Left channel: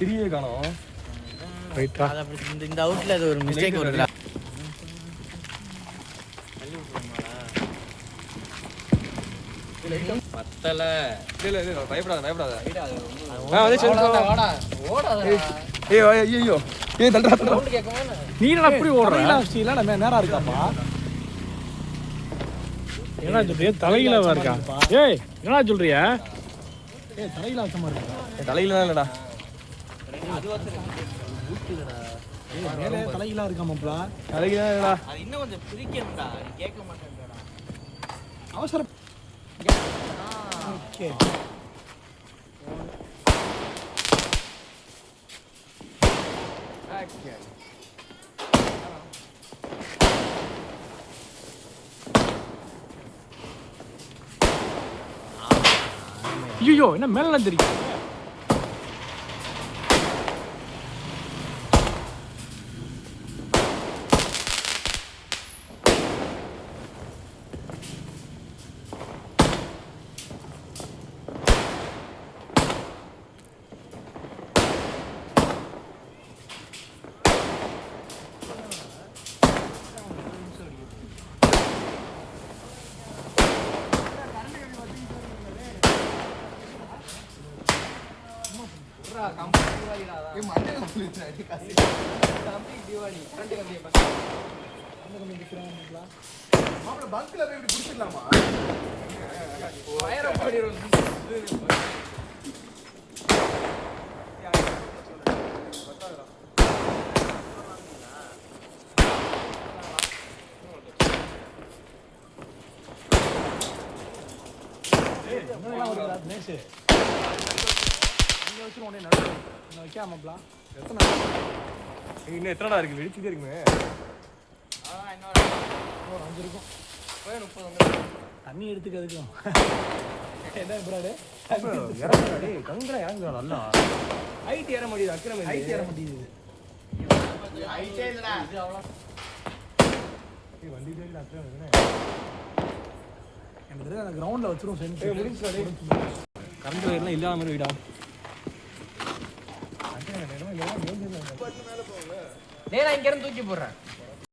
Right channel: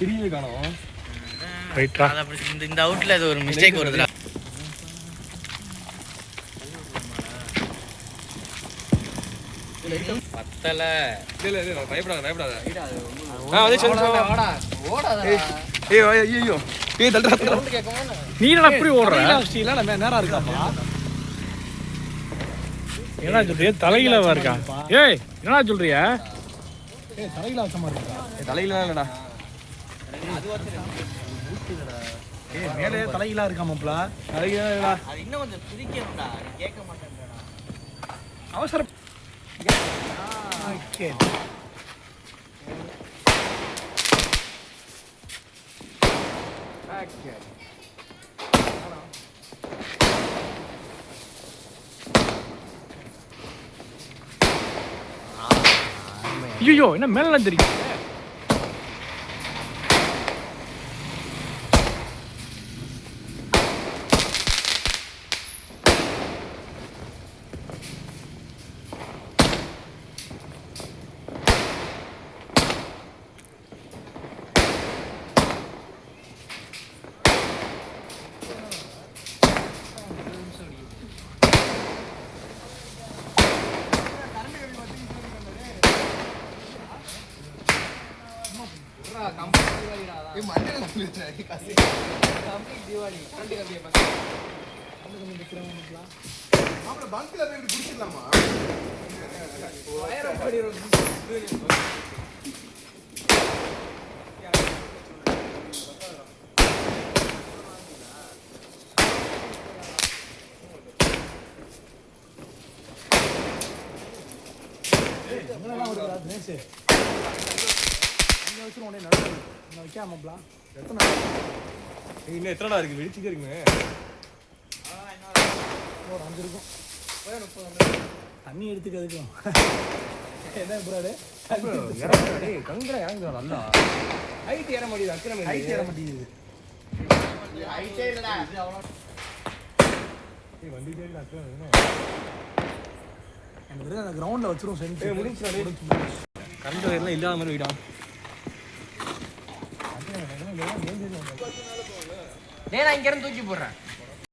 திரியே காணோம். ரைட்டா இந்த அவுட்ல அது ஒரு மிஸ்டேக் வருது. பத்தல இல்ல பயப்படாத பயப்படாத. நீ என்ன அப்படி ஓடுற? என்ன சொல்றிய? தலையிலவா இருக்கா? ஏய் என்ன சொல்றிய? தலையில அசமா இருக்கா? தலையில இல்லடா. மேலே தலையில இருக்காமப்ல. தலையில இல்லடா. அது இன்னும் கொஞ்சம் பிரிக்கணும்டா. நீ கேட்க மாட்டேன்றடா. அவசரம். ஓகே. ஐயோ என்ன மேல தெரியும்? இன்னும் எத்தனைடா இருக்கு? வெடிச்சுட்டே இருக்குங்க. தண்ணி எடுத்துக்கிறதுக்கு என்ன ப்ராடு? கங்கடா இறங்குறா நல்லா. ஹைட் ஏற மாட்டேங்குது. அக்கறை ஹைட் ஏற மாட்டேங்குது. ஹைட்டே இல்லடா. வண்டி தேடி அக்கறை எனக்கு அந்த கிரவுண்ட்ல வச்சிரும் சென்ட். முடிஞ்சுடா. கரண்ட் வயர்லாம் இல்லாத மாதிரி வீடா. நான் இங்க இருந்து தூக்கி போடுறேன்.